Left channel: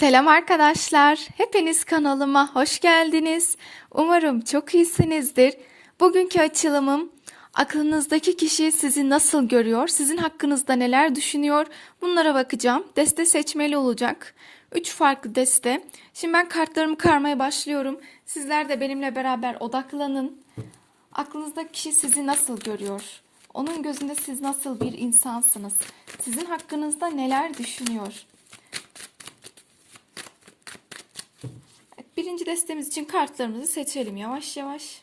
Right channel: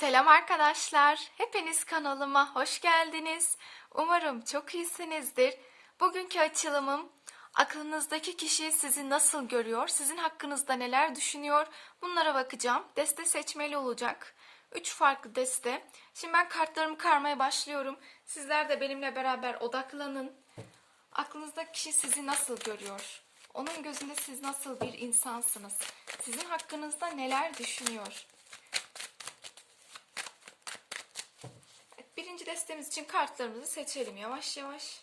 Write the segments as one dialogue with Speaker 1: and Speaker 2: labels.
Speaker 1: Selam arkadaşlar. Hepiniz kanalıma hoş geldiniz. Umarım çok iyisinizdir. Bugünkü açılımım aklınızdaki kişi sizi nasıl görüyor, sizin hakkınızda neler düşünüyor bunlara bakacağım. Deste seçmeli olacak. Üç farklı deste. Şimdi ben kartlarımı karmaya başlıyorum. Sizler de benimle beraber odaklanın. Aklınızdaki kişi sizi nasıl görüyor? Onun gözünde siz nasıl bir insansınız? Sizin hakkınızda neler düşünüyor? Birinci destemiz için kartlarımızı seçelim yavaş yavaş.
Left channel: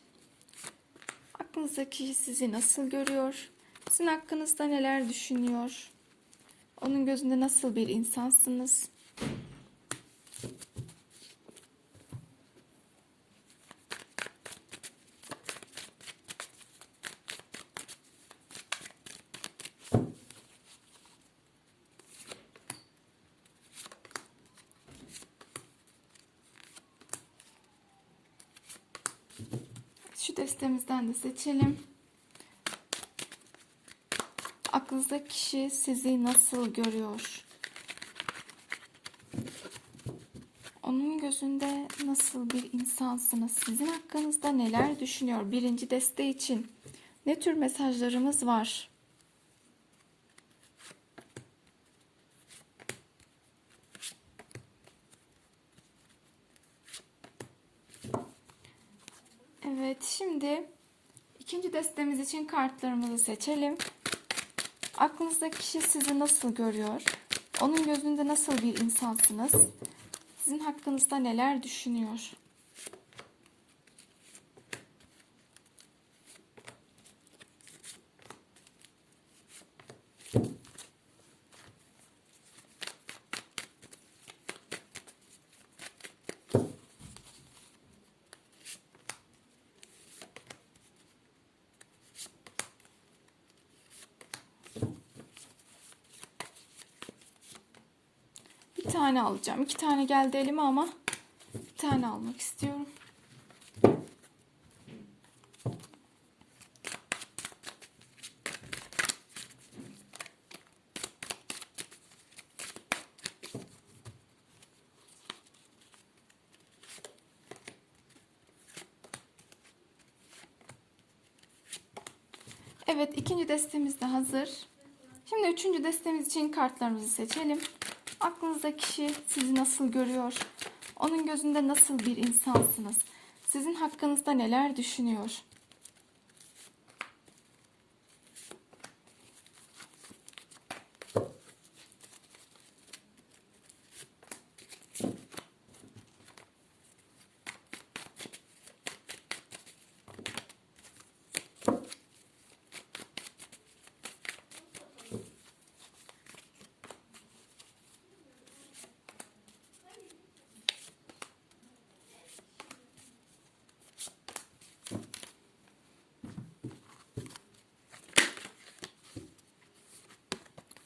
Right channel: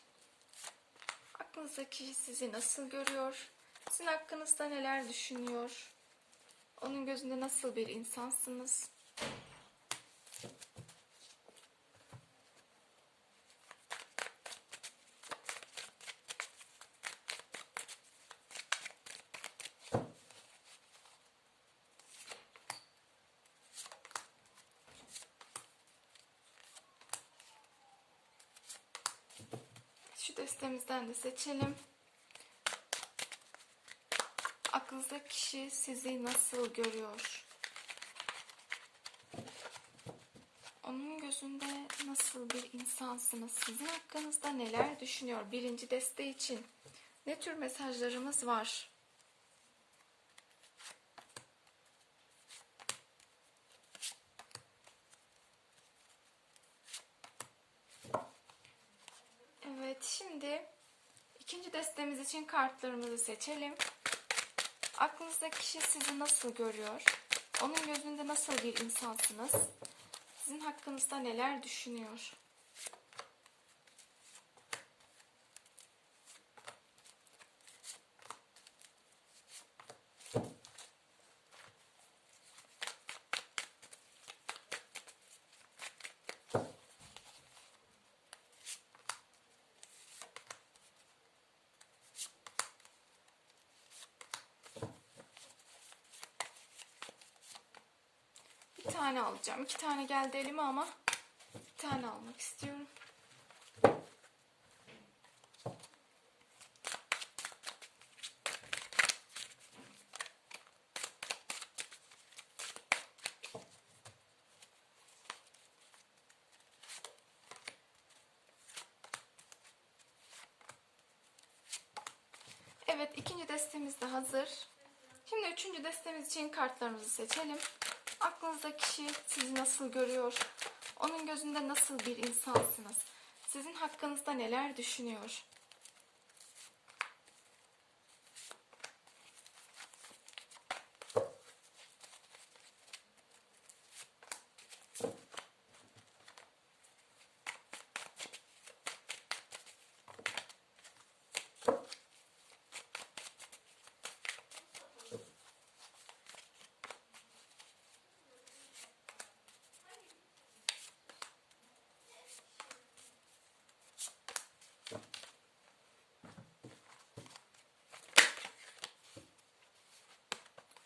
Speaker 1: Aklınızdaki sizi nasıl görüyor? Sizin hakkınızda neler düşünüyor? Onun gözünde nasıl bir insansınız? Şu destemizden de seçelim. Aklınızdaki kişi sizi nasıl görüyor? Onun gözünde nasıl bir insansınız? Sizin hakkınızda neler düşünüyor? Birinci deste için ne tür mesajlarımız var? Evet, şimdi ikinci destemiz için kartlarımızı seçelim. Aklınızdaki kişi sizi nasıl görüyor? Onun gözünde nasıl bir insansınız? Sizin hakkınızda neler düşünüyor? Bir tane alacağım. İki tane geldi elime ama bir tane almak istiyorum. Evet, ikinci destemiz de hazır. Şimdi üçüncü destemiz için kartlarımızı seçelim. Aklınızdaki kişi sizi nasıl görüyor? Onun gözünde nasıl bir insansınız? Sizin hakkınızda neler düşünüyor?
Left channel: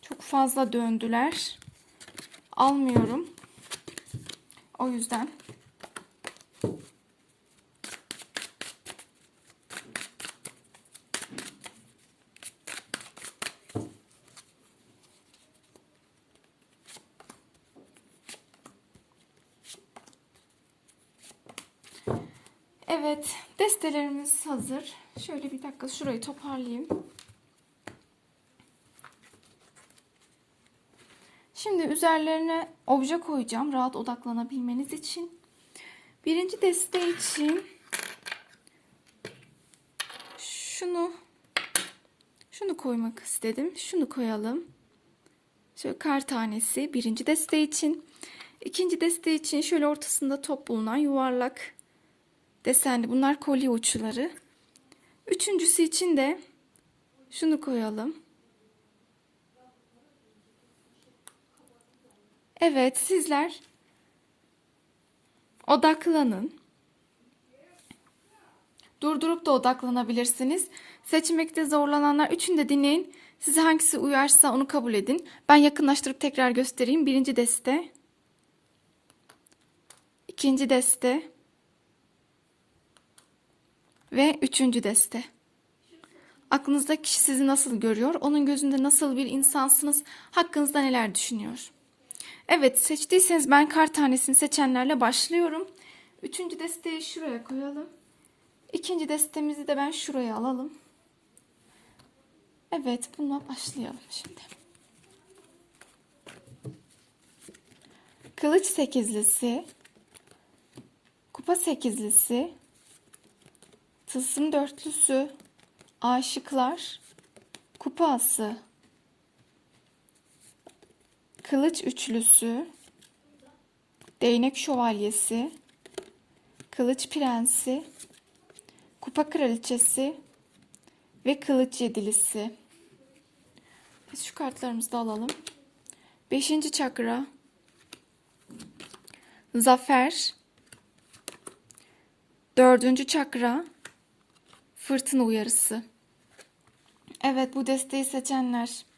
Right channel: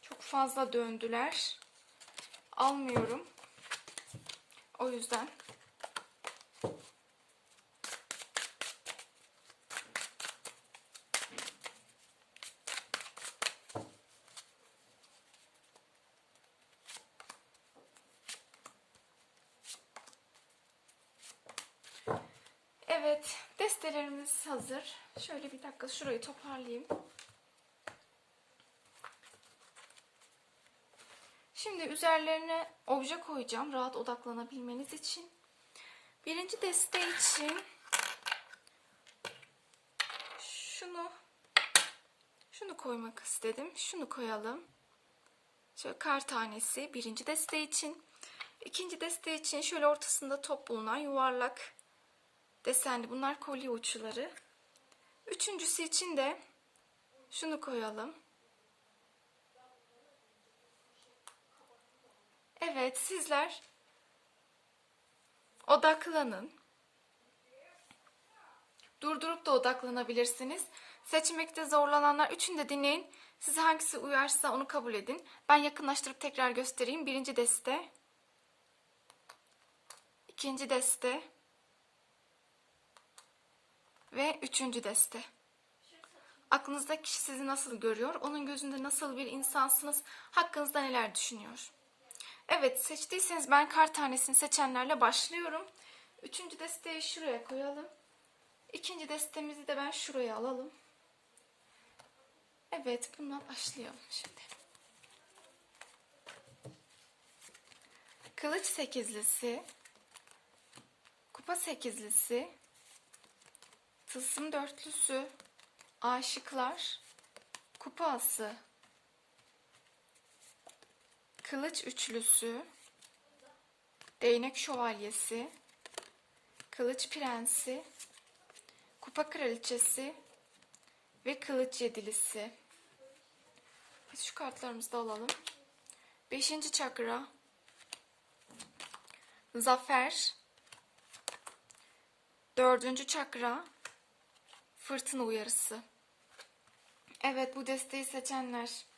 Speaker 1: Çok fazla döndüler. Almıyorum. O yüzden. Evet, destelerimiz hazır. Şöyle bir dakika şurayı toparlayayım. Şimdi üzerlerine obje koyacağım rahat odaklanabilmeniz için. Birinci deste için şunu şunu koymak istedim. Şunu koyalım. Şöyle kar tanesi birinci deste için. İkinci deste için şöyle ortasında top bulunan yuvarlak desenli bunlar kolye uçları. Üçüncüsü için de şunu koyalım. Evet, sizler odaklanın. Durdurup da odaklanabilirsiniz. Seçmekte zorlananlar üçünü de dinleyin. Size hangisi uyarsa onu kabul edin. Ben yakınlaştırıp tekrar göstereyim. Birinci deste. ikinci deste. Ve üçüncü deste. Aklınızdaki kişi sizi nasıl görüyor? Onun gözünde nasıl bir insansınız? Hakkınızda neler düşünüyor? Evet seçtiyseniz ben kar tanesini seçenlerle başlıyorum. Üçüncü desteği şuraya koyalım. İkinci destemizi de ben şuraya alalım. Evet bununla başlayalım şimdi. Kılıç sekizlisi. Kupa sekizlisi. Tılsım dörtlüsü. Aşıklar. Kupası. Kılıç üçlüsü. Değnek şövalyesi. Kılıç prensi. Kupa kraliçesi. Ve kılıç yedilisi. Biz şu kartlarımızı da alalım. Beşinci çakra. Zafer. Dördüncü çakra. Fırtına uyarısı. Evet bu desteği seçenler.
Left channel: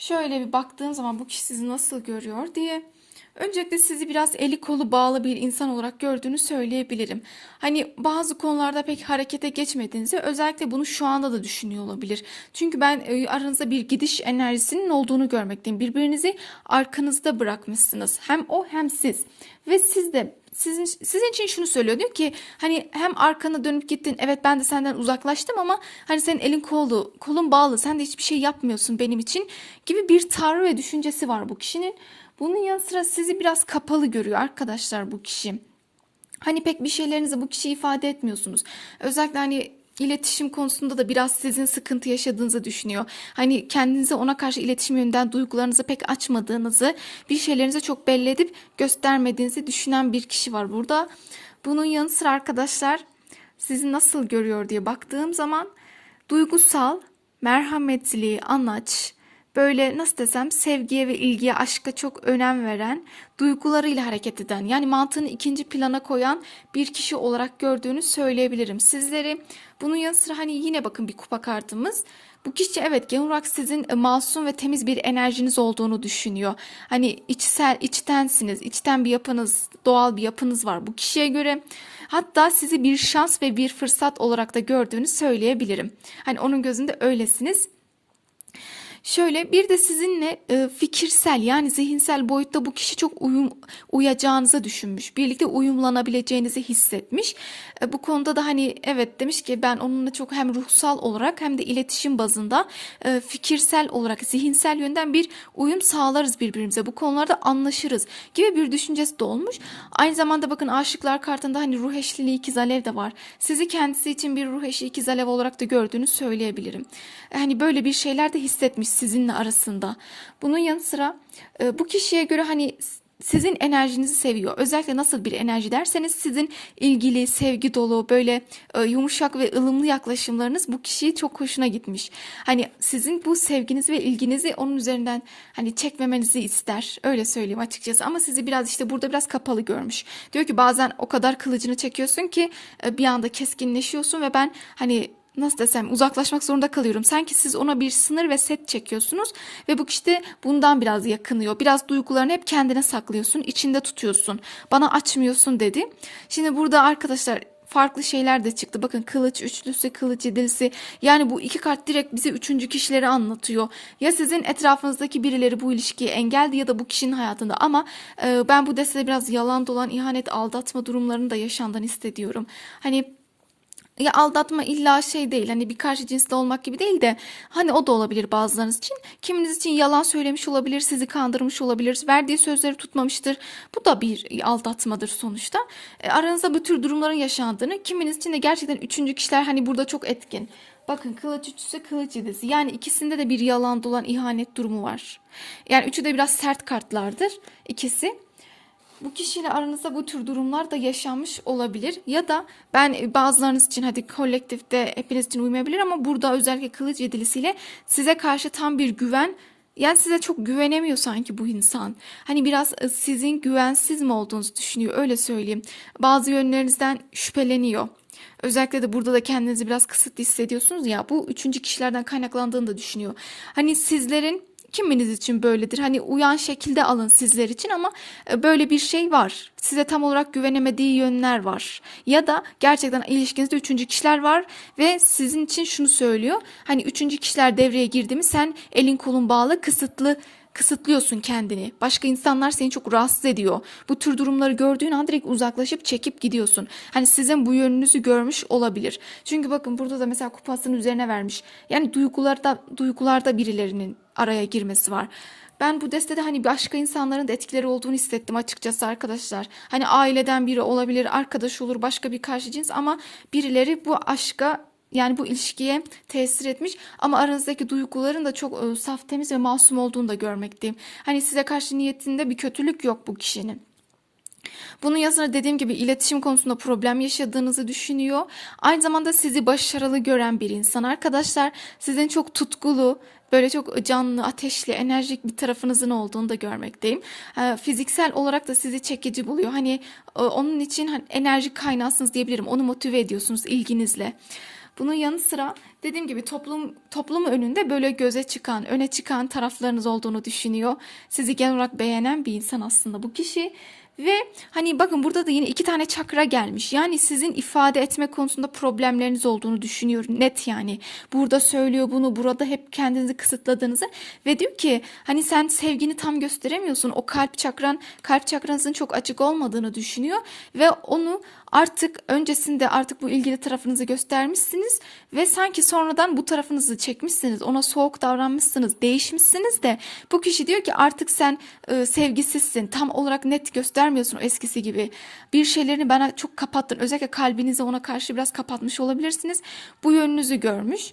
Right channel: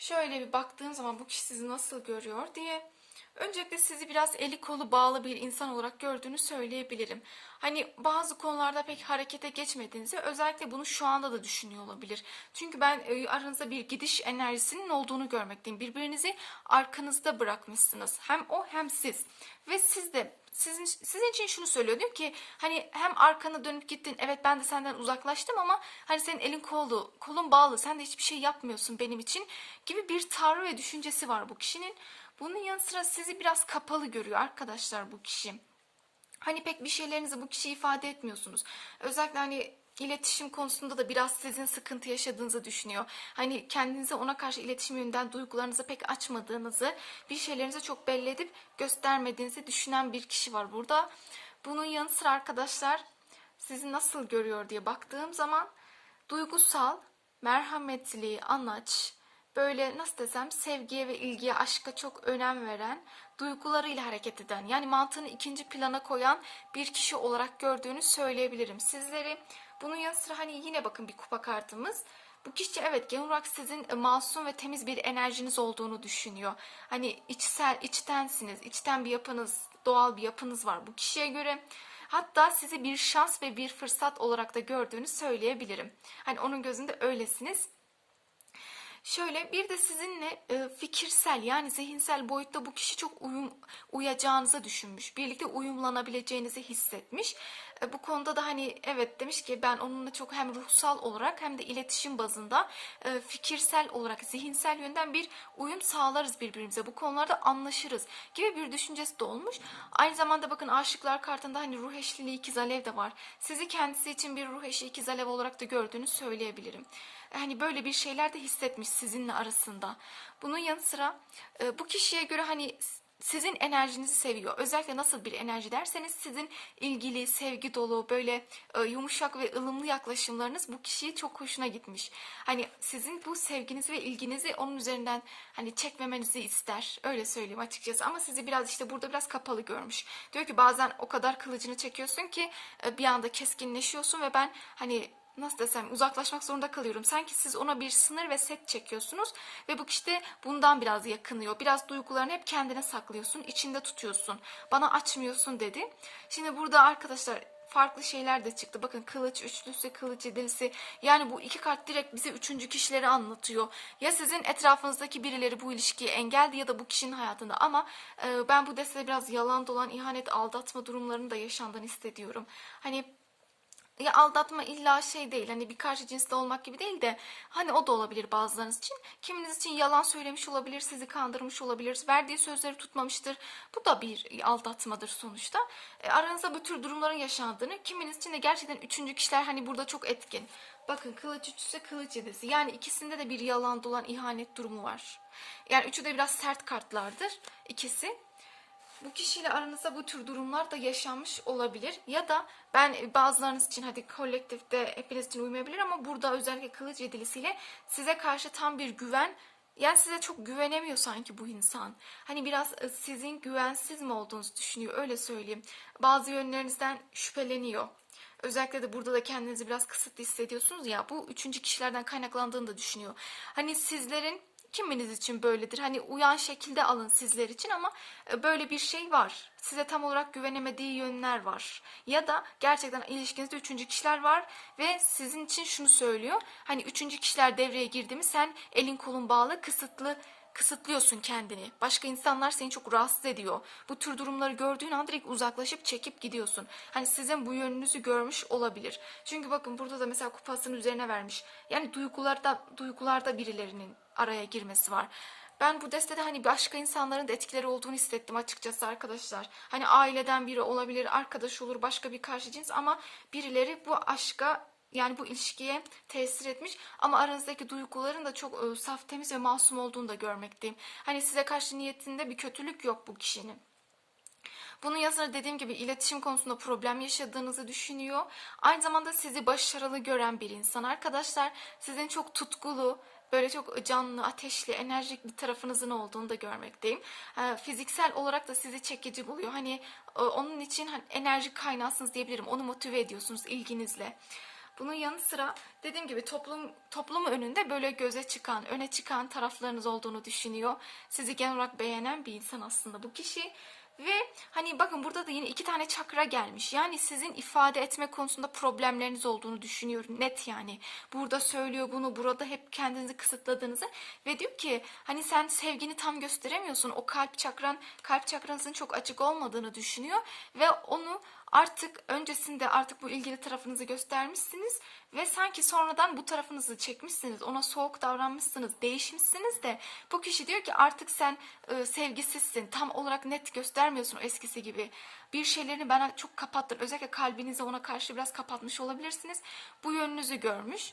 Speaker 1: Şöyle bir baktığım zaman bu kişi sizi nasıl görüyor diye. Öncelikle sizi biraz eli kolu bağlı bir insan olarak gördüğünü söyleyebilirim. Hani bazı konularda pek harekete geçmediğinizi özellikle bunu şu anda da düşünüyor olabilir. Çünkü ben e, aranızda bir gidiş enerjisinin olduğunu görmekteyim. Birbirinizi arkanızda bırakmışsınız. Hem o hem siz. Ve siz de sizin sizin için şunu söylüyor diyor ki hani hem arkana dönüp gittin evet ben de senden uzaklaştım ama hani senin elin kolu kolun bağlı sen de hiçbir şey yapmıyorsun benim için gibi bir tavrı ve düşüncesi var bu kişinin. Bunun yanı sıra sizi biraz kapalı görüyor arkadaşlar bu kişi. Hani pek bir şeylerinizi bu kişiye ifade etmiyorsunuz. Özellikle hani iletişim konusunda da biraz sizin sıkıntı yaşadığınızı düşünüyor. Hani kendinize ona karşı iletişim yönünden duygularınızı pek açmadığınızı, bir şeylerinizi çok belli edip göstermediğinizi düşünen bir kişi var burada. Bunun yanı sıra arkadaşlar sizi nasıl görüyor diye baktığım zaman duygusal, merhametli, anaç, böyle nasıl desem sevgiye ve ilgiye, aşka çok önem veren, duygularıyla hareket eden, yani mantığını ikinci plana koyan bir kişi olarak gördüğünü söyleyebilirim sizleri. Bunun yanı sıra hani yine bakın bir kupa kartımız. Bu kişi evet genel olarak sizin e, masum ve temiz bir enerjiniz olduğunu düşünüyor. Hani içsel, içtensiniz, içten bir yapınız, doğal bir yapınız var bu kişiye göre. Hatta sizi bir şans ve bir fırsat olarak da gördüğünü söyleyebilirim. Hani onun gözünde öylesiniz. Şöyle bir de sizinle e, fikirsel yani zihinsel boyutta bu kişi çok uyum uyacağınızı düşünmüş. Birlikte uyumlanabileceğinizi hissetmiş. E, bu konuda da hani evet demiş ki ben onunla çok hem ruhsal olarak hem de iletişim bazında e, fikirsel olarak zihinsel yönden bir uyum sağlarız birbirimize. Bu konularda anlaşırız gibi bir düşüncesi de olmuş. Aynı zamanda bakın aşıklar kartında hani ruh eşliliği ikiz alev de var. Sizi kendisi için bir ruh eşi ikiz alev olarak da gördüğünü söyleyebilirim. Hani böyle bir şeyler de hissetmiş sizinle arasında. Bunun yanı sıra e, bu kişiye göre hani sizin enerjinizi seviyor. Özellikle nasıl bir enerji derseniz sizin ilgili, sevgi dolu, böyle e, yumuşak ve ılımlı yaklaşımlarınız bu kişiyi çok hoşuna gitmiş. Hani sizin bu sevginizi ve ilginizi onun üzerinden hani çekmemenizi ister. Öyle söyleyeyim açıkçası. Ama sizi biraz işte burada biraz kapalı görmüş. Diyor ki bazen o kadar kılıcını çekiyorsun ki e, bir anda keskinleşiyorsun ve ben hani nasıl desem uzaklaşmak zorunda kalıyorum. Sanki siz ona bir sınır ve set çekiyorsunuz ve bu kişi de bundan biraz yakınıyor. Biraz duygularını hep kendine saklıyorsun, içinde tutuyorsun. Bana açmıyorsun dedi. Şimdi burada arkadaşlar farklı şeyler de çıktı. Bakın kılıç üçlüsü, kılıç yedilisi. Yani bu iki kart direkt bize üçüncü kişileri anlatıyor. Ya sizin etrafınızdaki birileri bu ilişkiye engeldi ya da bu kişinin hayatında. Ama e, ben bu destede biraz yalan dolan, ihanet, aldatma durumlarını da yaşandan hissediyorum. Hani ya aldatma illa şey değil hani bir karşı cinsde olmak gibi değil de hani o da olabilir bazılarınız için. Kiminiz için yalan söylemiş olabilir, sizi kandırmış olabilir, verdiği sözleri tutmamıştır. Bu da bir aldatmadır sonuçta. E, aranızda bu tür durumların yaşandığını, kiminiz için de gerçekten üçüncü kişiler hani burada çok etkin. Bakın kılıç üçüsü kılıç yedisi. Yani ikisinde de bir yalan dolan ihanet durumu var. Yani üçü de biraz sert kartlardır ikisi bu kişiyle aranızda bu tür durumlar da yaşanmış olabilir. Ya da ben bazılarınız için hadi kolektifte hepiniz için uymayabilir ama burada özellikle kılıç yedilisiyle size karşı tam bir güven yani size çok güvenemiyor sanki bu insan. Hani biraz e, sizin güvensiz mi olduğunuzu düşünüyor öyle söyleyeyim. Bazı yönlerinizden şüpheleniyor. Özellikle de burada da kendinizi biraz kısıtlı hissediyorsunuz ya bu üçüncü kişilerden kaynaklandığını da düşünüyor. Hani sizlerin kiminiz için böyledir. Hani uyan şekilde alın sizler için ama e, böyle bir şey var. Size tam olarak güvenemediği yönler var. Ya da gerçekten ilişkinizde üçüncü kişiler var ve sizin için şunu söylüyor. Hani üçüncü kişiler devreye girdi mi sen elin kolun bağlı kısıtlı kısıtlıyorsun kendini. Başka insanlar seni çok rahatsız ediyor. Bu tür durumları gördüğün an direkt uzaklaşıp çekip gidiyorsun. Hani sizin bu yönünüzü görmüş olabilir. Çünkü bakın burada da mesela kupasının üzerine vermiş. Yani duygularda duygularda birilerinin araya girmesi var. Ben bu destede hani başka insanların da etkileri olduğunu hissettim açıkçası arkadaşlar. Hani aileden biri olabilir, arkadaş olur, başka bir karşı cins ama birileri bu aşka yani bu ilişkiye tesir etmiş ama aranızdaki duyguların da çok e, saf, temiz ve masum olduğunu da görmekteyim. Hani size karşı niyetinde bir kötülük yok bu kişinin. Bunun yanı dediğim gibi iletişim konusunda problem yaşadığınızı düşünüyor. Aynı zamanda sizi başarılı gören bir insan. Arkadaşlar sizin çok tutkulu, böyle çok canlı, ateşli, enerjik bir tarafınızın olduğunu da görmekteyim. Ee, Fiziksel olarak da sizi çekici buluyor. Hani e, onun için hani enerji kaynağısınız diyebilirim. Onu motive ediyorsunuz ilginizle. Bunun yanı sıra dediğim gibi toplum toplum önünde böyle göze çıkan, öne çıkan taraflarınız olduğunu düşünüyor. Sizi genel olarak beğenen bir insan aslında bu kişi. Ve hani bakın burada da yine iki tane çakra gelmiş. Yani sizin ifade etme konusunda problemleriniz olduğunu düşünüyorum. Net yani. Burada söylüyor bunu, burada hep kendinizi kısıtladığınızı ve diyor ki hani sen sevgini tam gösteremiyorsun. O kalp çakran, kalp çakranızın çok açık olmadığını düşünüyor ve onu artık öncesinde artık bu ilgili tarafınızı göstermişsiniz ve sanki sonradan bu tarafınızı çekmişsiniz. Ona soğuk davranmışsınız, değişmişsiniz de bu kişi diyor ki artık sen e, sevgisizsin. Tam olarak net göstermiyorsun o eskisi gibi. Bir şeylerini bana çok kapattın. Özellikle kalbinizi ona karşı biraz kapatmış olabilirsiniz. Bu yönünüzü görmüş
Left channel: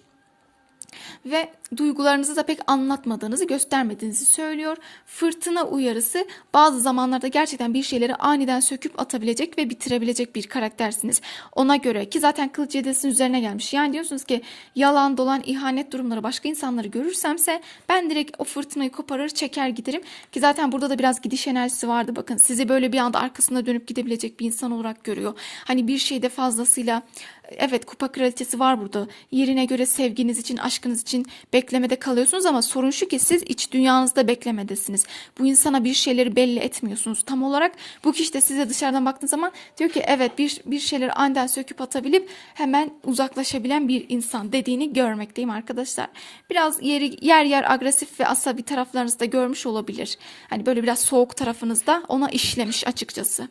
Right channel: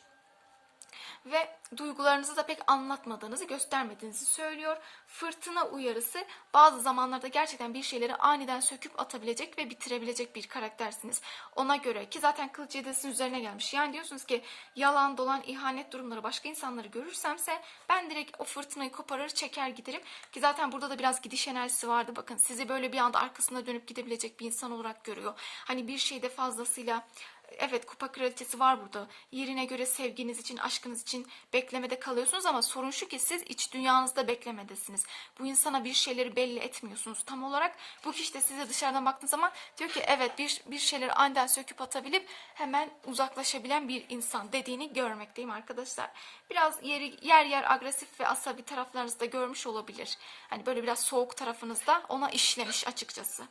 Speaker 1: ve duygularınızı da pek anlatmadığınızı, göstermediğinizi söylüyor. Fırtına uyarısı bazı zamanlarda gerçekten bir şeyleri aniden söküp atabilecek ve bitirebilecek bir karaktersiniz. Ona göre ki zaten kılıç yedisinin üzerine gelmiş. Yani diyorsunuz ki yalan, dolan, ihanet durumları başka insanları görürsemse ben direkt o fırtınayı koparır, çeker giderim. Ki zaten burada da biraz gidiş enerjisi vardı. Bakın sizi böyle bir anda arkasına dönüp gidebilecek bir insan olarak görüyor. Hani bir şeyde fazlasıyla Evet kupa kraliçesi var burada. Yerine göre sevginiz için, aşkınız için beklemede kalıyorsunuz ama sorun şu ki siz iç dünyanızda beklemedesiniz. Bu insana bir şeyleri belli etmiyorsunuz. Tam olarak bu kişi de size dışarıdan baktığınız zaman diyor ki evet bir, bir şeyleri aniden söküp atabilip hemen uzaklaşabilen bir insan dediğini görmekteyim arkadaşlar. Biraz yeri, yer yer agresif ve asabi taraflarınızda görmüş olabilir. Hani böyle biraz soğuk tarafınızda ona işlemiş açıkçası.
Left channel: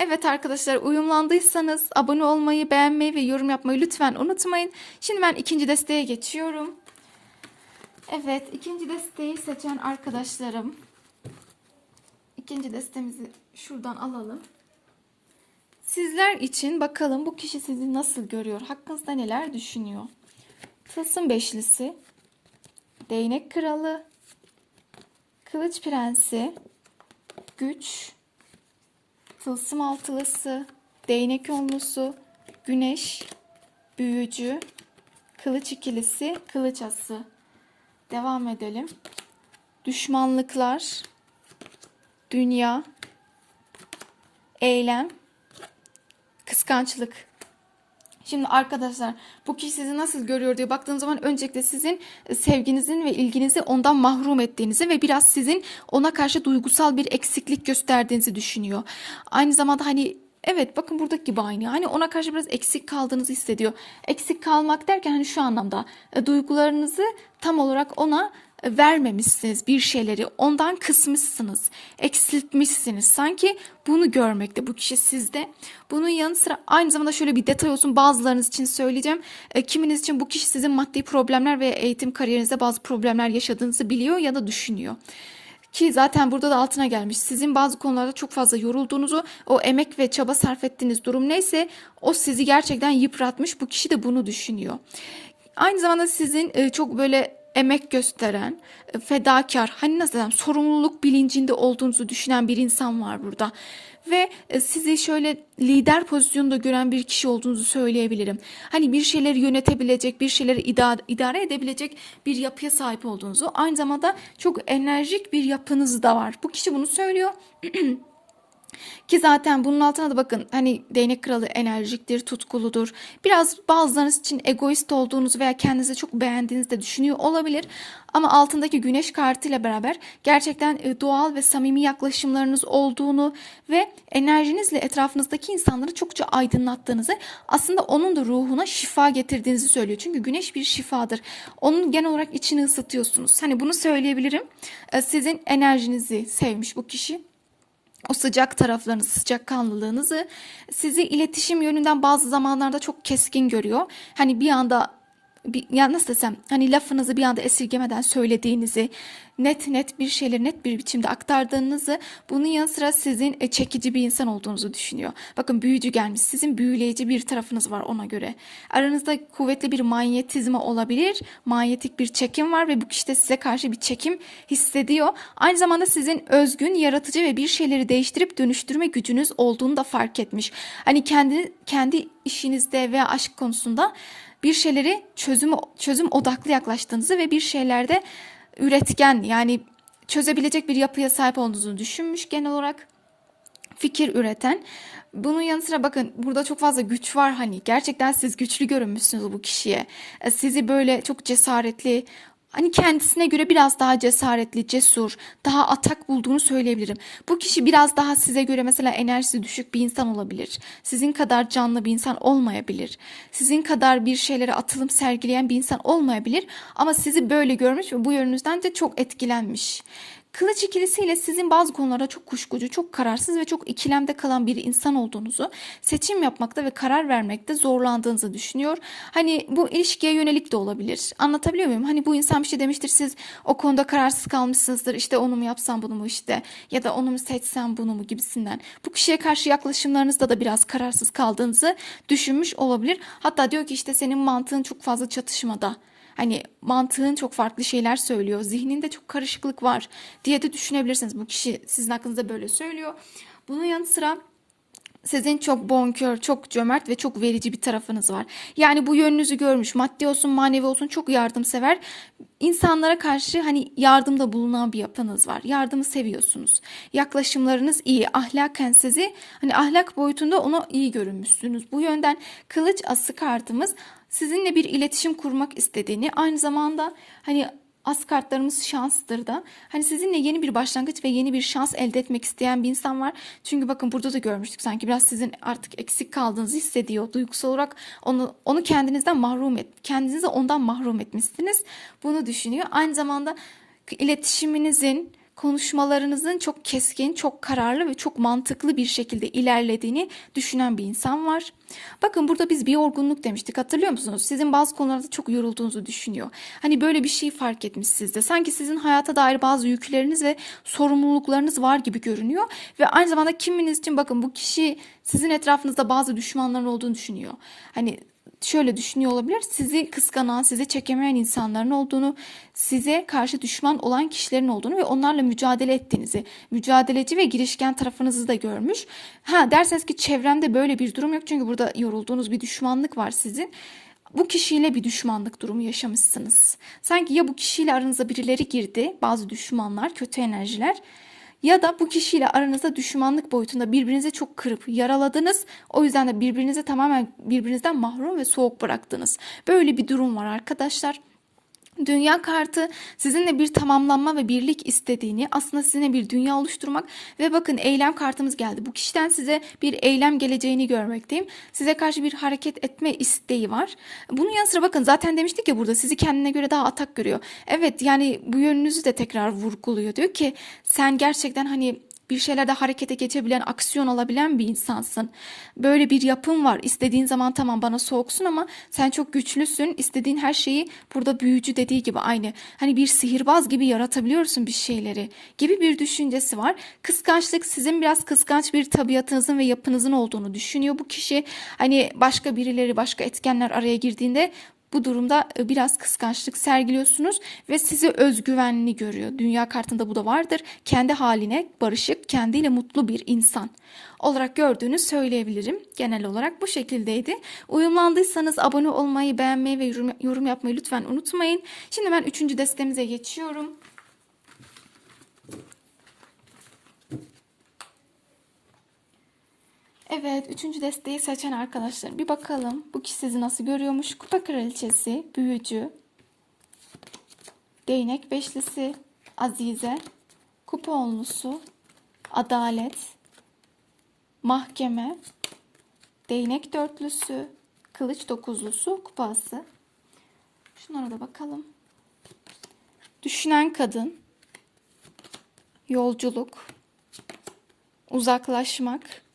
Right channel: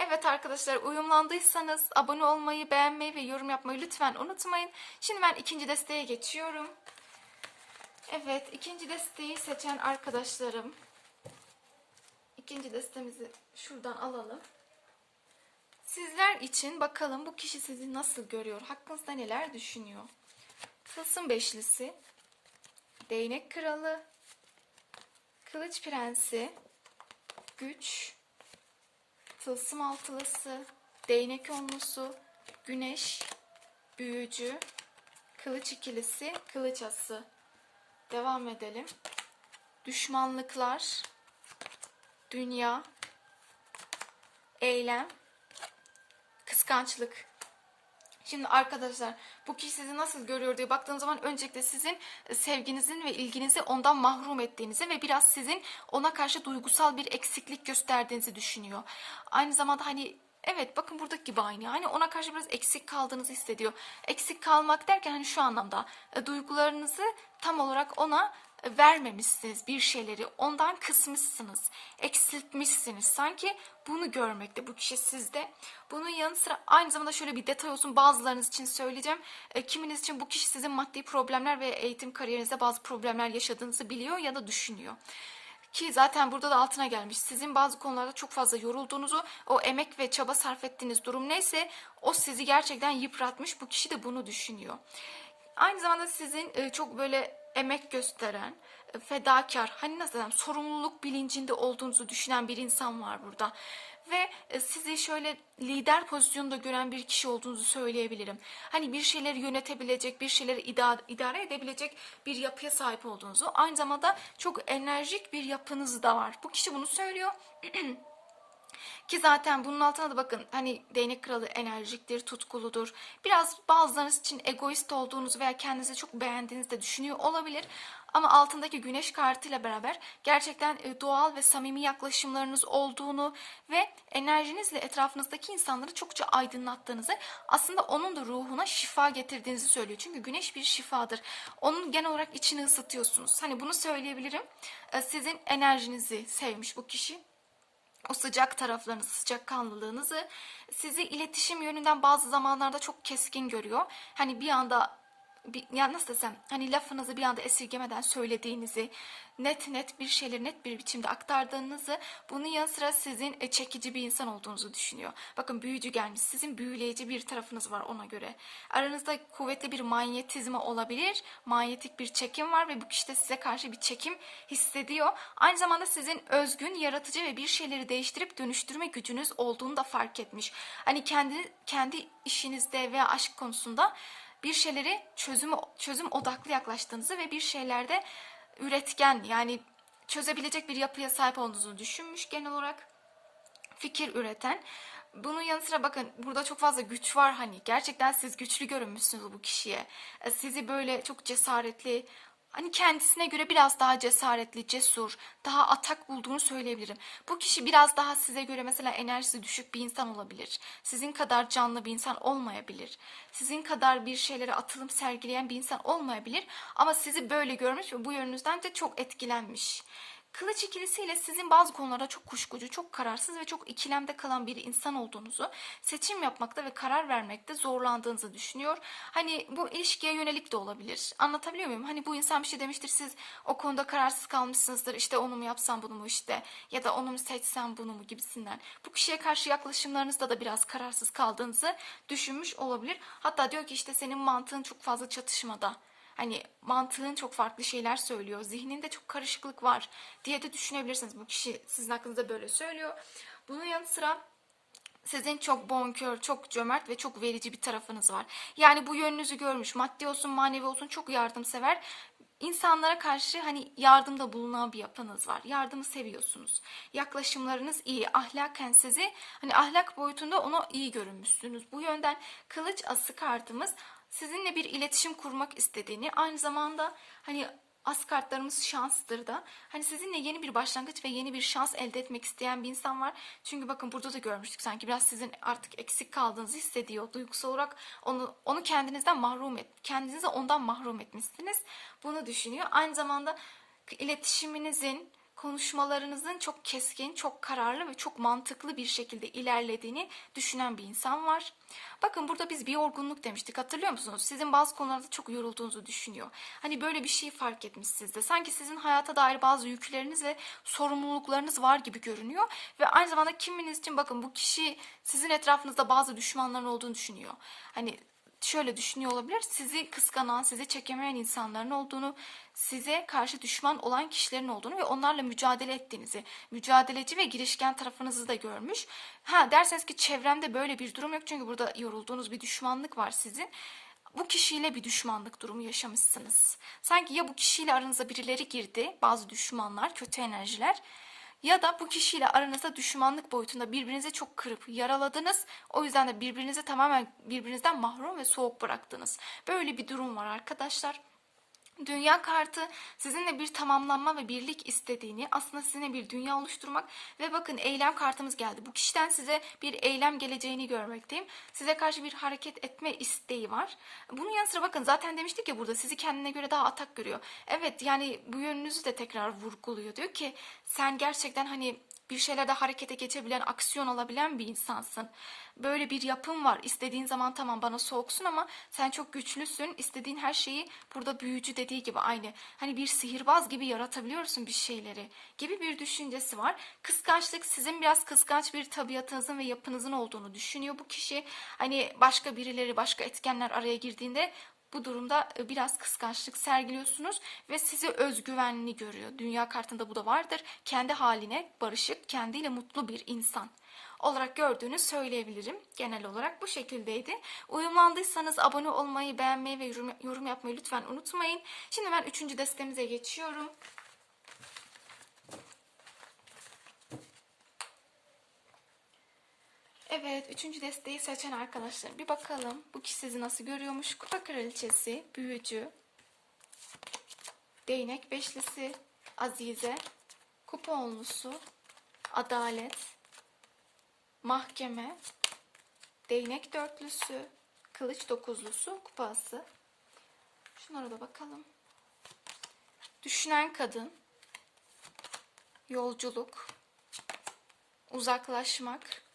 Speaker 1: Evet arkadaşlar uyumlandıysanız abone olmayı, beğenmeyi ve yorum yapmayı lütfen unutmayın. Şimdi ben ikinci desteğe geçiyorum. Evet ikinci desteği seçen arkadaşlarım. İkinci destemizi şuradan alalım. Sizler için bakalım bu kişi sizi nasıl görüyor? Hakkınızda neler düşünüyor? Tılsım beşlisi, değnek kralı, kılıç prensi, güç, tılsım altılısı, değnek onlusu, güneş, büyücü, kılıç ikilisi, kılıç ası. Devam edelim. Düşmanlıklar, dünya, eylem, kıskançlık. Şimdi arkadaşlar bu kişi sizi nasıl görüyor diye baktığınız zaman öncelikle sizin sevginizin ve ilginizi ondan mahrum ettiğinizi ve biraz sizin ona karşı duygusal bir eksiklik gösterdiğinizi düşünüyor. Aynı zamanda hani Evet bakın buradaki gibi aynı. Hani ona karşı biraz eksik kaldığınızı hissediyor. Eksik kalmak derken hani şu anlamda e, duygularınızı tam olarak ona e, vermemişsiniz bir şeyleri. Ondan kısmışsınız. Eksiltmişsiniz. Sanki bunu görmekte bu kişi sizde. Bunun yanı sıra aynı zamanda şöyle bir detay olsun bazılarınız için söyleyeceğim. E, kiminiz için bu kişi sizin maddi problemler ve eğitim kariyerinizde bazı problemler yaşadığınızı biliyor ya da düşünüyor. Ki zaten burada da altına gelmiş. Sizin bazı konularda çok fazla yorulduğunuzu, o emek ve çaba sarf ettiğiniz durum neyse o sizi gerçekten yıpratmış. Bu kişi de bunu düşünüyor. Aynı zamanda sizin e, çok böyle emek gösteren, e, fedakar, hani nasıl desem sorumluluk bilincinde olduğunuzu düşünen bir insan var burada. Ve e, sizi şöyle lider pozisyonunda gören bir kişi olduğunuzu söyleyebilirim. Hani bir şeyleri yönetebilecek, bir şeyleri idare edebilecek bir yapıya sahip olduğunuzu. Aynı zamanda çok enerjik bir yapınız da var. Bu kişi bunu söylüyor. Ki zaten bunun altına da bakın hani değnek kralı enerjiktir, tutkuludur. Biraz bazılarınız için egoist olduğunuzu veya kendinizi çok beğendiğinizi de düşünüyor olabilir. Ama altındaki güneş kartıyla beraber gerçekten e, doğal ve samimi yaklaşımlarınız olduğunu ve enerjinizle etrafınızdaki insanları çokça aydınlattığınızı aslında onun da ruhuna şifa getirdiğinizi söylüyor. Çünkü güneş bir şifadır. Onun genel olarak içini ısıtıyorsunuz. Hani bunu söyleyebilirim. E, Sizin enerjinizi sevmiş bu kişi o sıcak taraflarınızı, sıcak kanlılığınızı sizi iletişim yönünden bazı zamanlarda çok keskin görüyor. Hani bir anda bir, ya nasıl desem hani lafınızı bir anda esirgemeden söylediğinizi net net bir şeyleri net bir biçimde aktardığınızı bunun yanı sıra sizin e, çekici bir insan olduğunuzu düşünüyor. Bakın büyücü gelmiş sizin büyüleyici bir tarafınız var ona göre. Aranızda kuvvetli bir manyetizma olabilir. Manyetik bir çekim var ve bu kişi de size karşı bir çekim hissediyor. Aynı zamanda sizin özgün, yaratıcı ve bir şeyleri değiştirip dönüştürme gücünüz olduğunu da fark etmiş. Hani kendi kendi işinizde veya aşk konusunda bir şeyleri çözüm çözüm odaklı yaklaştığınızı ve bir şeylerde üretken yani çözebilecek bir yapıya sahip olduğunuzu düşünmüş genel olarak fikir üreten. Bunun yanı sıra bakın burada çok fazla güç var hani gerçekten siz güçlü görünmüşsünüz bu kişiye. E, Sizi böyle çok cesaretli hani kendisine göre biraz daha cesaretli, cesur, daha atak bulduğunu söyleyebilirim. Bu kişi biraz daha size göre mesela enerjisi düşük bir insan olabilir. Sizin kadar canlı bir insan olmayabilir. Sizin kadar bir şeylere atılım sergileyen bir insan olmayabilir. Ama sizi böyle görmüş ve bu yönünüzden de çok etkilenmiş. Kılıç ikilisiyle sizin bazı konularda çok kuşkucu, çok kararsız ve çok ikilemde kalan bir insan olduğunuzu, seçim yapmakta ve karar vermekte zorlandığınızı düşünüyor. Hani bu ilişkiye yönelik de olabilir. Anlatabiliyor muyum? Hani bu insan bir şey demiştir, siz o konuda kararsız kalmışsınızdır. İşte onu mu yapsam bunu mu işte ya da onu mu seçsem bunu mu gibisinden. Bu kişiye karşı yaklaşımlarınızda da biraz kararsız kaldığınızı düşünmüş olabilir. Hatta diyor ki işte senin mantığın çok fazla çatışmada. Hani mantığın çok farklı şeyler söylüyor. Zihninde çok karışıklık var diye de düşünebilirsiniz. Bu kişi sizin hakkınızda böyle söylüyor. Bunun yanı sıra sizin çok bonkör, çok cömert ve çok verici bir tarafınız var. Yani bu yönünüzü görmüş. Maddi olsun, manevi olsun çok yardımsever. İnsanlara karşı hani yardımda bulunan bir yapınız var. Yardımı seviyorsunuz. Yaklaşımlarınız iyi. Ahlaken sizi hani ahlak boyutunda ona iyi görünmüşsünüz. Bu yönden kılıç ası kartımız sizinle bir iletişim kurmak istediğini, aynı zamanda hani as kartlarımız şanstır da. Hani sizinle yeni bir başlangıç ve yeni bir şans elde etmek isteyen bir insan var. Çünkü bakın burada da görmüştük sanki biraz sizin artık eksik kaldığınızı hissediyor. Duygusal olarak onu onu kendinizden mahrum et, kendinizi ondan mahrum etmişsiniz. Bunu düşünüyor. Aynı zamanda iletişiminizin konuşmalarınızın çok keskin, çok kararlı ve çok mantıklı bir şekilde ilerlediğini düşünen bir insan var. Bakın burada biz bir yorgunluk demiştik hatırlıyor musunuz? Sizin bazı konularda çok yorulduğunuzu düşünüyor. Hani böyle bir şey fark etmiş sizde. Sanki sizin hayata dair bazı yükleriniz ve sorumluluklarınız var gibi görünüyor. Ve aynı zamanda kiminiz için bakın bu kişi sizin etrafınızda bazı düşmanların olduğunu düşünüyor. Hani şöyle düşünüyor olabilir. Sizi kıskanan, sizi çekemeyen insanların olduğunu, size karşı düşman olan kişilerin olduğunu ve onlarla mücadele ettiğinizi, mücadeleci ve girişken tarafınızı da görmüş. Ha derseniz ki çevremde böyle bir durum yok çünkü burada yorulduğunuz bir düşmanlık var sizin. Bu kişiyle bir düşmanlık durumu yaşamışsınız. Sanki ya bu kişiyle aranıza birileri girdi, bazı düşmanlar, kötü enerjiler ya da bu kişiyle aranızda düşmanlık boyutunda birbirinize çok kırıp yaraladınız. O yüzden de birbirinize tamamen birbirinizden mahrum ve soğuk bıraktınız. Böyle bir durum var arkadaşlar. Dünya kartı sizinle bir tamamlanma ve birlik istediğini, aslında sizinle bir dünya oluşturmak ve bakın eylem kartımız geldi. Bu kişiden size bir eylem geleceğini görmekteyim. Size karşı bir hareket etme isteği var. Bunun yanı sıra bakın zaten demiştik ya burada sizi kendine göre daha atak görüyor. Evet yani bu yönünüzü de tekrar vurguluyor. Diyor ki sen gerçekten hani bir şeylerde harekete geçebilen, aksiyon alabilen bir insansın. Böyle bir yapın var. İstediğin zaman tamam bana soğuksun ama sen çok güçlüsün. İstediğin her şeyi burada büyücü dediği gibi aynı. Hani bir sihirbaz gibi yaratabiliyorsun bir şeyleri gibi bir düşüncesi var. Kıskançlık sizin biraz kıskanç bir tabiatınızın ve yapınızın olduğunu düşünüyor bu kişi. Hani başka birileri, başka etkenler araya girdiğinde bu durumda e, biraz kıskançlık sergiliyorsunuz ve sizi özgüvenli görüyor. Dünya kartında bu da vardır. Kendi haline barışık, kendiyle mutlu bir insan olarak gördüğünü söyleyebilirim. Genel olarak bu şekildeydi. Uyumlandıysanız abone olmayı, beğenmeyi ve yorum, yapmayı lütfen unutmayın. Şimdi ben üçüncü destemize geçiyorum. Evet, üçüncü desteği seçen arkadaşlar bir bakalım. Bu kişi sizi nasıl görüyormuş? Kupa kraliçesi, büyücü, değnek beşlisi, azize, kupa onlusu, adalet, mahkeme, değnek dörtlüsü, kılıç dokuzlusu, kupası. Şunlara da bakalım. Düşünen kadın, yolculuk, uzaklaşmak,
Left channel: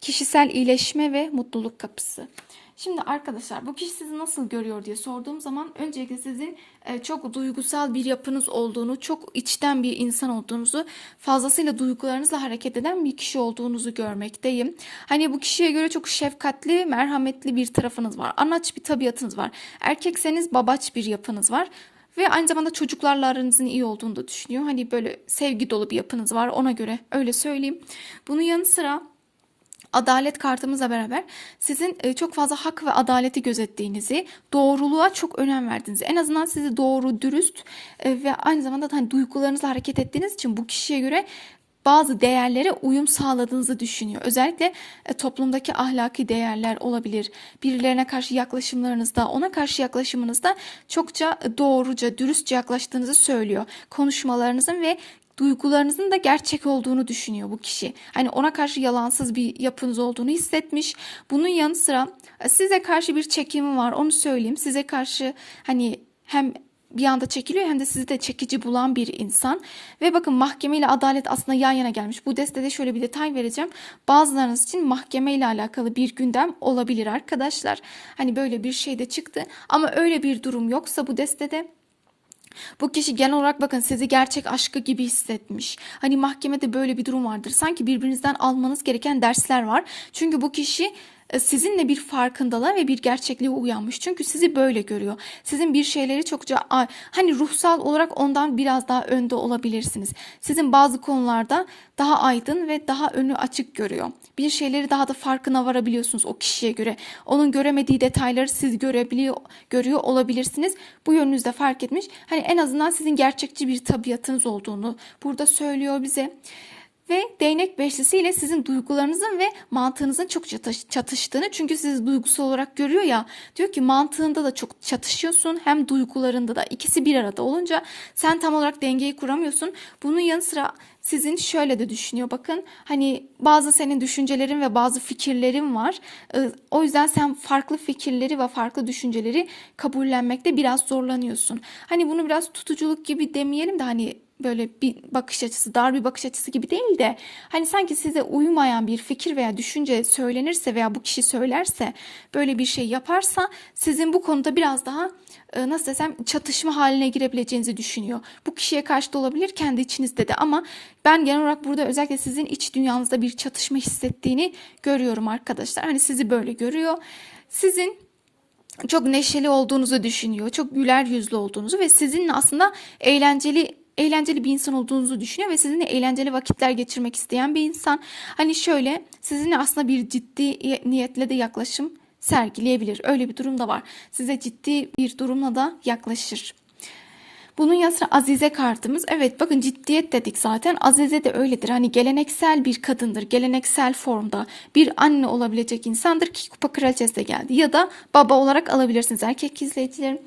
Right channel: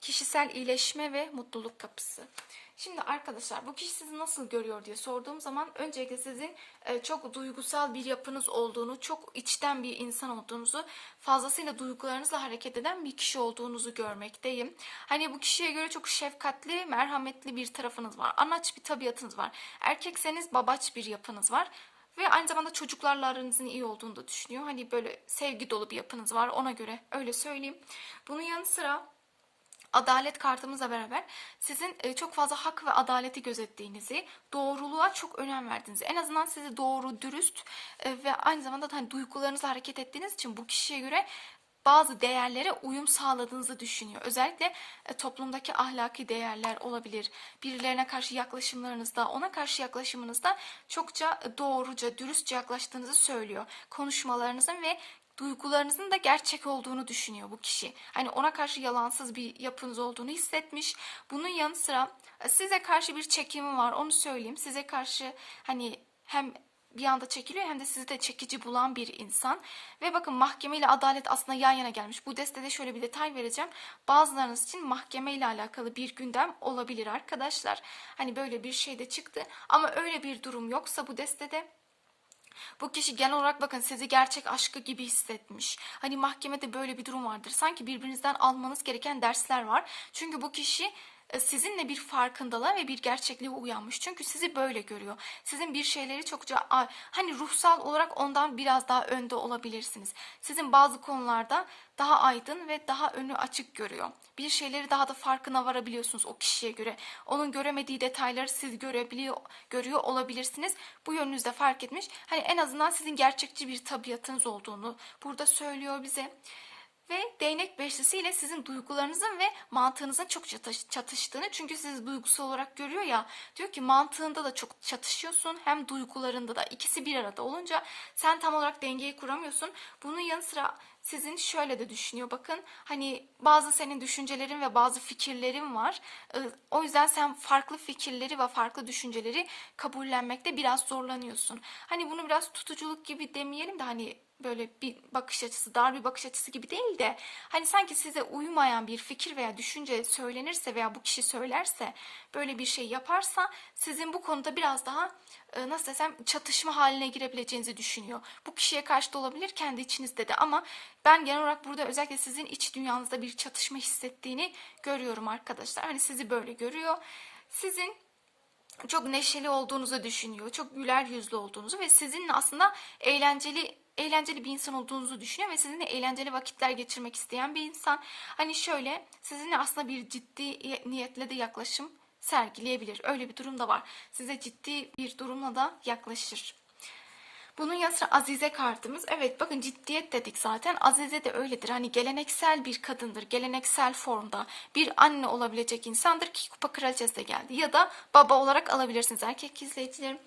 Speaker 1: kişisel iyileşme ve mutluluk kapısı. Şimdi arkadaşlar bu kişi sizi nasıl görüyor diye sorduğum zaman öncelikle sizin e, çok duygusal bir yapınız olduğunu, çok içten bir insan olduğunuzu, fazlasıyla duygularınızla hareket eden bir kişi olduğunuzu görmekteyim. Hani bu kişiye göre çok şefkatli, merhametli bir tarafınız var. Anaç bir tabiatınız var. Erkekseniz babaç bir yapınız var. Ve aynı zamanda çocuklarla aranızın iyi olduğunu da düşünüyor. Hani böyle sevgi dolu bir yapınız var ona göre öyle söyleyeyim. Bunun yanı sıra adalet kartımızla beraber sizin e, çok fazla hak ve adaleti gözettiğinizi, doğruluğa çok önem verdiğinizi, en azından sizi doğru, dürüst e, ve aynı zamanda da hani duygularınızla hareket ettiğiniz için bu kişiye göre bazı değerlere uyum sağladığınızı düşünüyor. Özellikle e, toplumdaki ahlaki değerler olabilir. Birilerine karşı yaklaşımlarınızda, ona karşı yaklaşımınızda çokça doğruca, dürüstçe yaklaştığınızı söylüyor. Konuşmalarınızın ve duygularınızın da gerçek olduğunu düşünüyor bu kişi. Hani ona karşı yalansız bir yapınız olduğunu hissetmiş. Bunun yanı sıra e, size karşı bir çekimi var. Onu söyleyeyim. Size karşı hani hem bir anda çekiliyor hem de sizi de çekici bulan bir insan. Ve bakın mahkeme ile adalet aslında yan yana gelmiş. Bu destede şöyle bir detay vereceğim. Bazılarınız için mahkeme ile alakalı bir gündem olabilir arkadaşlar. Hani böyle bir şey de çıktı. Ama öyle bir durum yoksa bu destede bu kişi genel olarak bakın sizi gerçek aşkı gibi hissetmiş. Hani mahkemede böyle bir durum vardır. Sanki birbirinizden almanız gereken dersler var. Çünkü bu kişi sizinle bir farkındalığa ve bir gerçekliğe uyanmış. Çünkü sizi böyle görüyor. Sizin bir şeyleri çokça hani ruhsal olarak ondan biraz daha önde olabilirsiniz. Sizin bazı konularda daha aydın ve daha önü açık görüyor. Bir şeyleri daha da farkına varabiliyorsunuz o kişiye göre. Onun göremediği detayları siz görebiliyor, görüyor olabilirsiniz. Bu yönünüzde fark etmiş. Hani en azından sizin gerçekçi bir tabiatınız olduğunu burada söylüyor bize ve değnek beşlisi ile sizin duygularınızın ve mantığınızın çok çatıştığını çünkü sizi duygusal olarak görüyor ya diyor ki mantığında da çok çatışıyorsun hem duygularında da ikisi bir arada olunca sen tam olarak dengeyi kuramıyorsun. Bunun yanı sıra sizin şöyle de düşünüyor bakın hani bazı senin düşüncelerin ve bazı fikirlerin var. Ee, o yüzden sen farklı fikirleri ve farklı düşünceleri kabullenmekte biraz zorlanıyorsun. Hani bunu biraz tutuculuk gibi demeyelim de hani böyle bir bakış açısı, dar bir bakış açısı gibi değil de hani sanki size uymayan bir fikir veya düşünce söylenirse veya bu kişi söylerse böyle bir şey yaparsa sizin bu konuda biraz daha e, nasıl desem çatışma haline girebileceğinizi düşünüyor. Bu kişiye karşı da olabilir kendi içinizde de ama ben genel olarak burada özellikle sizin iç dünyanızda bir çatışma hissettiğini görüyorum arkadaşlar. Hani sizi böyle görüyor. Sizin çok neşeli olduğunuzu düşünüyor. Çok güler yüzlü olduğunuzu ve sizinle aslında eğlenceli eğlenceli bir insan olduğunuzu düşünüyor ve sizinle eğlenceli vakitler geçirmek isteyen bir insan. Hani şöyle sizinle aslında bir ciddi niyetle de yaklaşım sergileyebilir. Öyle bir durum da var. Size ciddi bir durumla da yaklaşır. Bunun yanı sıra Azize kartımız. Evet bakın ciddiyet dedik zaten. Azize de öyledir. Hani geleneksel bir kadındır. Geleneksel formda bir anne olabilecek insandır ki kupa kraliçesi de geldi. Ya da baba olarak alabilirsiniz erkek izleyicilerim.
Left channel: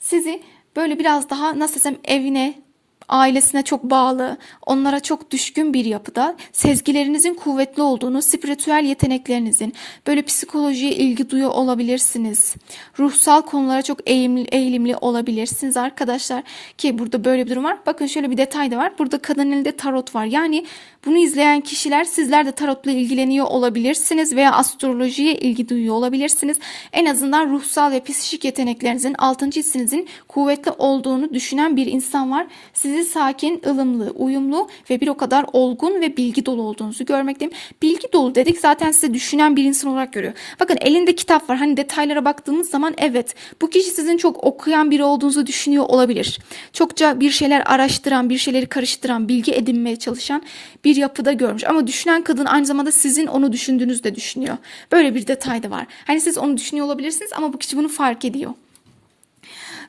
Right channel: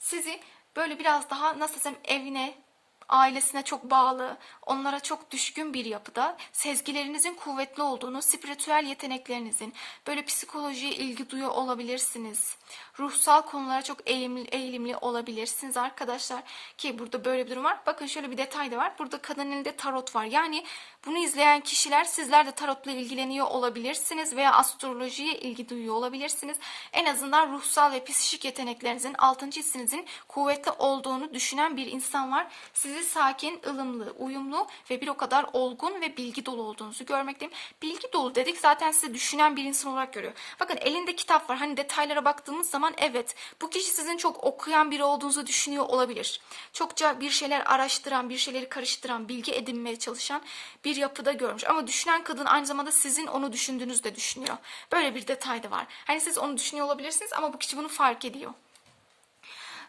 Speaker 1: Sizi böyle biraz daha nasıl desem evine ailesine çok bağlı, onlara çok düşkün bir yapıda, sezgilerinizin kuvvetli olduğunu, spiritüel yeteneklerinizin, böyle psikolojiye ilgi duyuyor olabilirsiniz. Ruhsal konulara çok eğimli, eğilimli olabilirsiniz arkadaşlar. Ki burada böyle bir durum var. Bakın şöyle bir detay da var. Burada kadın elinde tarot var. Yani bunu izleyen kişiler sizler de tarotla ilgileniyor olabilirsiniz veya astrolojiye ilgi duyuyor olabilirsiniz. En azından ruhsal ve psikik yeteneklerinizin, altıncı hissinizin kuvvetli olduğunu düşünen bir insan var. Sizi sakin, ılımlı, uyumlu ve bir o kadar olgun ve bilgi dolu olduğunuzu görmekteyim. Bilgi dolu dedik zaten size düşünen bir insan olarak görüyor. Bakın elinde kitap var. Hani detaylara baktığımız zaman evet bu kişi sizin çok okuyan biri olduğunuzu düşünüyor olabilir. Çokça bir şeyler araştıran, bir şeyleri karıştıran, bilgi edinmeye çalışan bir bir yapıda görmüş. Ama düşünen kadın aynı zamanda sizin onu düşündüğünüzü de düşünüyor. Böyle bir detay da var. Hani siz onu düşünüyor olabilirsiniz ama bu kişi bunu fark ediyor.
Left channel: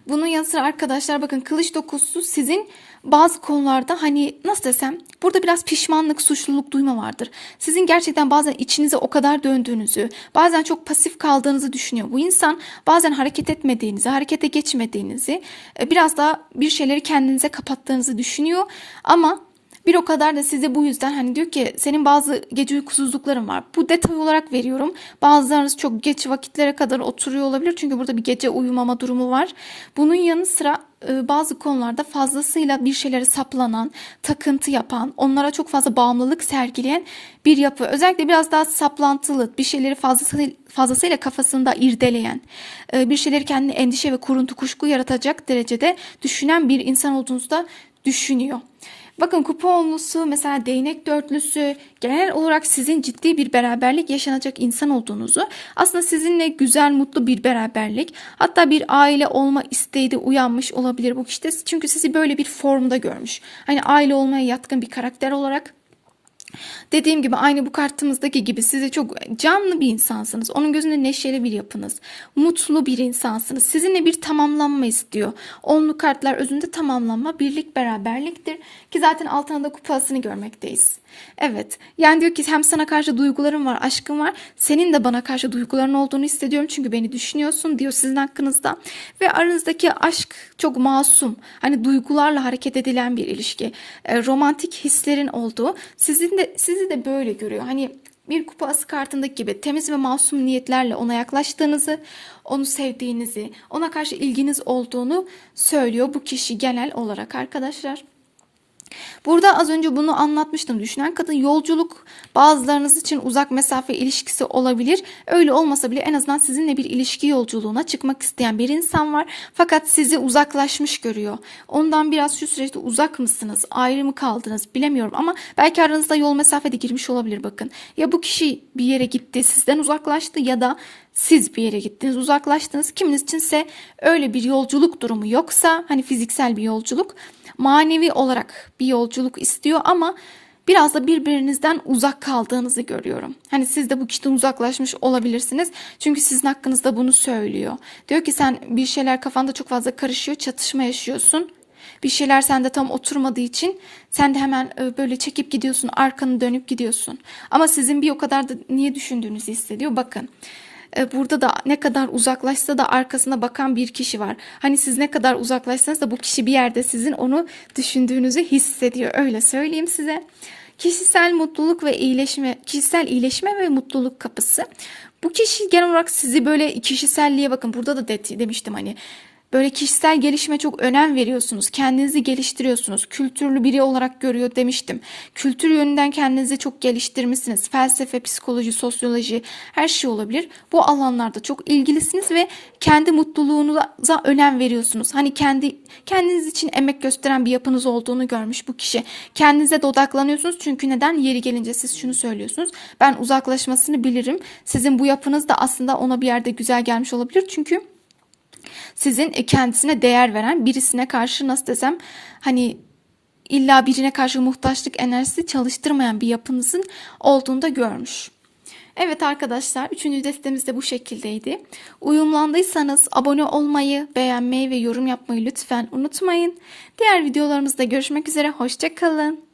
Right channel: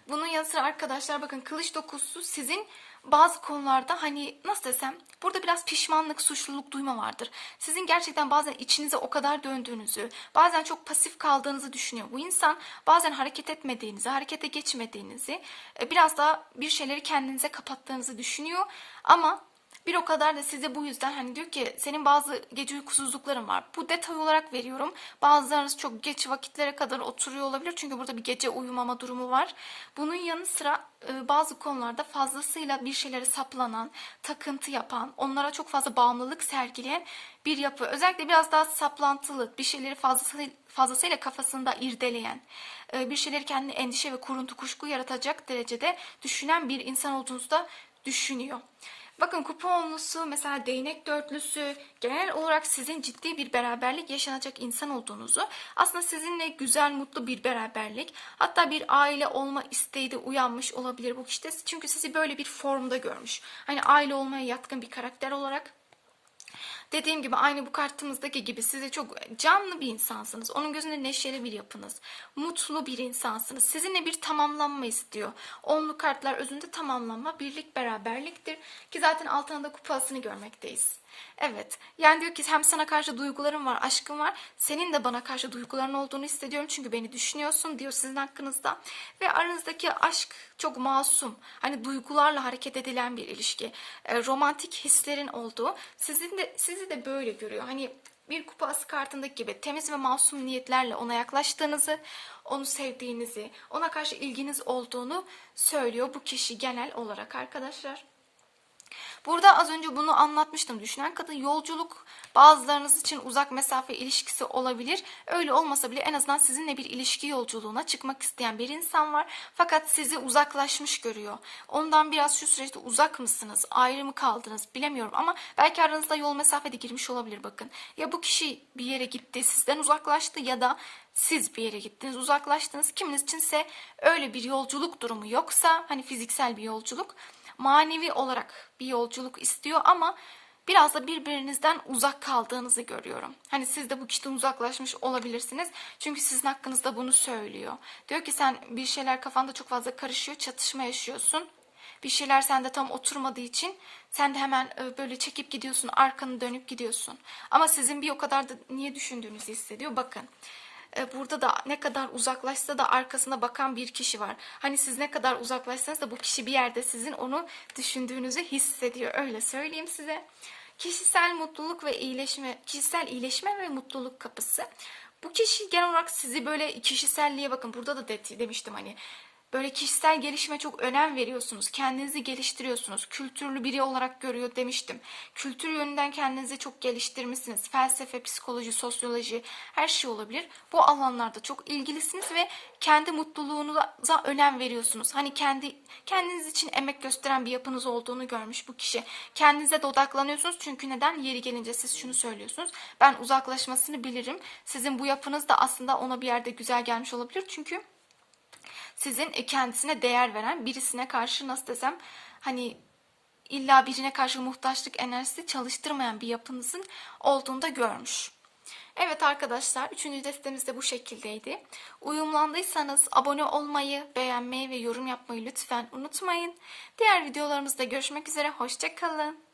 Speaker 1: Bunun yanı sıra arkadaşlar bakın kılıç dokusu sizin bazı konularda hani nasıl desem burada biraz pişmanlık, suçluluk duyma vardır. Sizin gerçekten bazen içinize o kadar döndüğünüzü, bazen çok pasif kaldığınızı düşünüyor. Bu insan bazen hareket etmediğinizi, harekete geçmediğinizi, e, biraz daha bir şeyleri kendinize kapattığınızı düşünüyor. Ama bir o kadar da size bu yüzden hani diyor ki senin bazı gece uykusuzlukların var. Bu detay olarak veriyorum. Bazılarınız çok geç vakitlere kadar oturuyor olabilir. Çünkü burada bir gece uyumama durumu var. Bunun yanı sıra e, bazı konularda fazlasıyla bir şeylere saplanan, takıntı yapan, onlara çok fazla bağımlılık sergileyen bir yapı. Özellikle biraz daha saplantılı, bir şeyleri fazlasıyla, fazlasıyla kafasında irdeleyen, e, bir şeyleri kendine endişe ve kuruntu kuşku yaratacak derecede düşünen bir insan olduğunuzu da düşünüyor. Bakın kupa onlusu mesela değnek dörtlüsü genel olarak sizin ciddi bir beraberlik yaşanacak insan olduğunuzu aslında sizinle güzel mutlu bir beraberlik hatta bir aile olma isteği de uyanmış olabilir bu kişide. Çünkü sizi böyle bir formda görmüş. Hani aile olmaya yatkın bir karakter olarak Dediğim gibi aynı bu kartımızdaki gibi size çok canlı bir insansınız. Onun gözünde neşeli bir yapınız. Mutlu bir insansınız. Sizinle bir tamamlanma istiyor. Onlu kartlar özünde tamamlanma, birlik, beraberliktir. Ki zaten altında da kupasını görmekteyiz. Evet. Yani diyor ki hem sana karşı duygularım var, aşkım var. Senin de bana karşı duyguların olduğunu hissediyorum. Çünkü beni düşünüyorsun diyor sizin hakkınızda. Ve aranızdaki aşk çok masum. Hani duygularla hareket edilen bir ilişki. E, romantik hislerin olduğu. Sizin de sizi de böyle görüyor. Hani bir kupa ası kartındaki gibi temiz ve masum niyetlerle ona yaklaştığınızı, onu sevdiğinizi, ona karşı ilginiz olduğunu söylüyor bu kişi genel olarak arkadaşlar. Burada az önce bunu anlatmıştım. Düşünen kadın yolculuk bazılarınız için uzak mesafe ilişkisi olabilir. Öyle olmasa bile en azından sizinle bir ilişki yolculuğuna çıkmak isteyen bir insan var. Fakat sizi uzaklaşmış görüyor. Ondan biraz şu süreçte uzak mısınız? Ayrı mı kaldınız? Bilemiyorum ama belki aranızda yol mesafede girmiş olabilir bakın. Ya bu kişi bir yere gitti sizden uzaklaştı ya da siz bir yere gittiniz, uzaklaştınız. Kiminiz içinse öyle bir yolculuk durumu yoksa hani fiziksel bir yolculuk manevi olarak bir yolculuk istiyor ama biraz da birbirinizden uzak kaldığınızı görüyorum. Hani siz de bu kişiden uzaklaşmış olabilirsiniz. Çünkü sizin hakkınızda bunu söylüyor. Diyor ki sen bir şeyler kafanda çok fazla karışıyor, çatışma yaşıyorsun. Bir şeyler sende tam oturmadığı için sen de hemen e, böyle çekip gidiyorsun, arkanı dönüp gidiyorsun. Ama sizin bir o kadar da niye düşündüğünüzü hissediyor. Bakın burada da ne kadar uzaklaşsa da arkasına bakan bir kişi var. Hani siz ne kadar uzaklaşsanız da bu kişi bir yerde sizin onu düşündüğünüzü hissediyor. Öyle söyleyeyim size. Kişisel mutluluk ve iyileşme, kişisel iyileşme ve mutluluk kapısı. Bu kişi genel olarak sizi böyle kişiselliğe bakın burada da de, demiştim hani Böyle kişisel gelişime çok önem veriyorsunuz. Kendinizi geliştiriyorsunuz. Kültürlü biri olarak görüyor demiştim. Kültür yönünden kendinizi çok geliştirmişsiniz. Felsefe, psikoloji, sosyoloji her şey olabilir. Bu alanlarda çok ilgilisiniz ve kendi mutluluğunuza önem veriyorsunuz. Hani kendi kendiniz için emek gösteren bir yapınız olduğunu görmüş bu kişi. Kendinize de odaklanıyorsunuz. Çünkü neden? Yeri gelince siz şunu söylüyorsunuz. Ben uzaklaşmasını bilirim. Sizin bu yapınız da aslında ona bir yerde güzel gelmiş olabilir. Çünkü sizin kendisine değer veren birisine karşı nasıl desem hani illa birine karşı muhtaçlık enerjisi çalıştırmayan bir yapınızın olduğunu da görmüş. Evet arkadaşlar, üçüncü destemiz de bu şekildeydi. Uyumlandıysanız abone olmayı, beğenmeyi ve yorum yapmayı lütfen unutmayın. Diğer videolarımızda görüşmek üzere, hoşçakalın.